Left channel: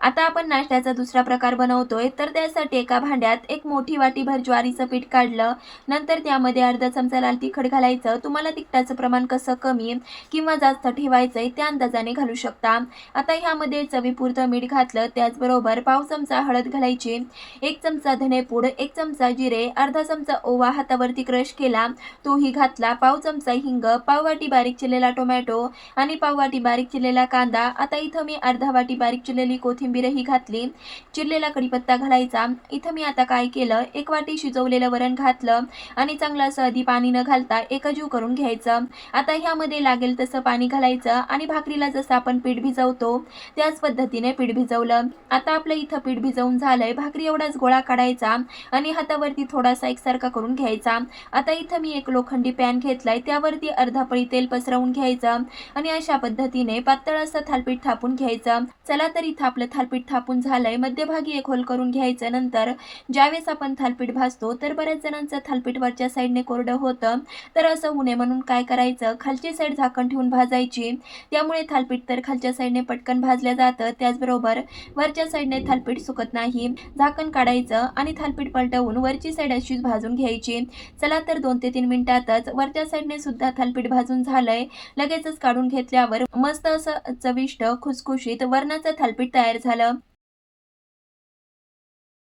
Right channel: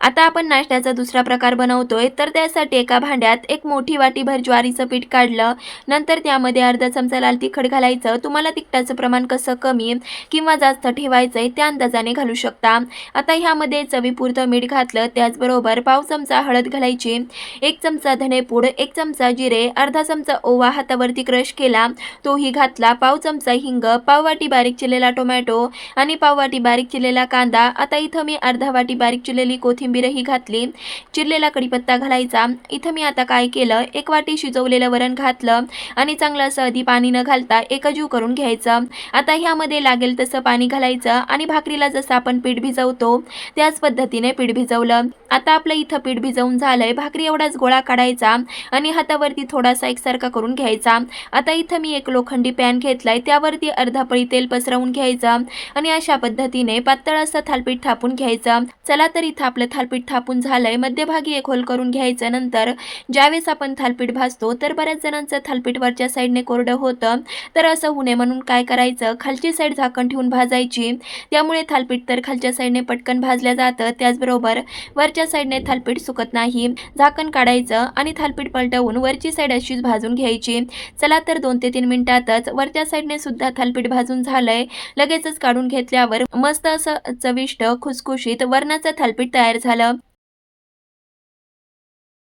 आता आपण नाश्त्याचा दुसरा प्रकार बनवतोय, तर त्यासाठी एका भांड्यात एक मोठी वाटीभर ज्वारीचं पीठ काढलं. नंतर त्यामध्ये अर्धा चमचा लाल तिखट घालायचं. तुम्हाला तिखटाचं प्रमाण कसं कमी किंवा जास्त ठेवायचंय त्या अंदाजाने घालू शकता. आता ह्यामध्ये चवीपुरतं मीठ घातलं. त्याचबरोबर पाव चमचा हळद घालायची, 1 चमचा धनेपूड, 1 चमचा जिरे, अर्धा चमचा ओवा हातावरती क्रश केला तोही घातला, पाव चमचा हिंग, पाव वाटी बारीक चिरलेला टोमॅटो आणि पाव वाटी बारीक चिरलेला कांदा. आता इथं मी अर्धा वाटी बारीक चिरलेली कोथिंबीरही घातली. चिरलेला कढीपत्ता घालायचा. इथं मी आता काय केलं, 1 वाटी शिजवलेलं वरण घातलं आणि चांगलं असं आधी पाणी न घालता एकजीव करून घ्यायचं. आता ह्यामध्ये लागेल तसं पाणी घालायचं आणि भाकरीला जसं आपण पीठ भिजवतो त्याच पद्धतीने पीठ भिजवलं. आता आपलं इथं पीठ भिजवून झालंय. भाकरी एवढाच गोळा काढायचा आणि हातावरती थोडासा एकसारखा करून घ्यायचा. आता इथं मी एक लोखंडी पॅन घेतलाय, त्यावरती अर्धा पळी तेल पसरवून घ्यायचं आणि अशा पद्धतीने पातळ असं थालपीठ थापून घ्यायचं. चला तर इथं आपलं थालपीठ थापून झालंय. मध्यभागी एक होल करून घ्यायचं. नंतर ज्यावेळेस आपण थालपीठ भाजतो तर बऱ्याच जणांचं थालपीठ वरच्या साईडने कोरडं होतं, तर असं होऊ नये म्हणून काय करायचं, खालची साईड झाकण ठेवून भाजायची. त्यामुळे थालपीठ तर खालच्या साईडने पटकन भाजलं जातं, त्याचबरोबर वरच्या साईडने थालपीठ सुकत नाही. झाकण काढायचं आणि थालपीठ पलटवून वरची साईड अशीच भाजून घ्यायची. चला तर 2 ते 3 मिनिटातच वरच्या साईडने सुद्धा थालपीठ भाजून झालंय. लगेचच काढून घेतल्यावर मस्त असं चविष्ट खुसखुशीत वरणाचं थालपीठ तयार झालं.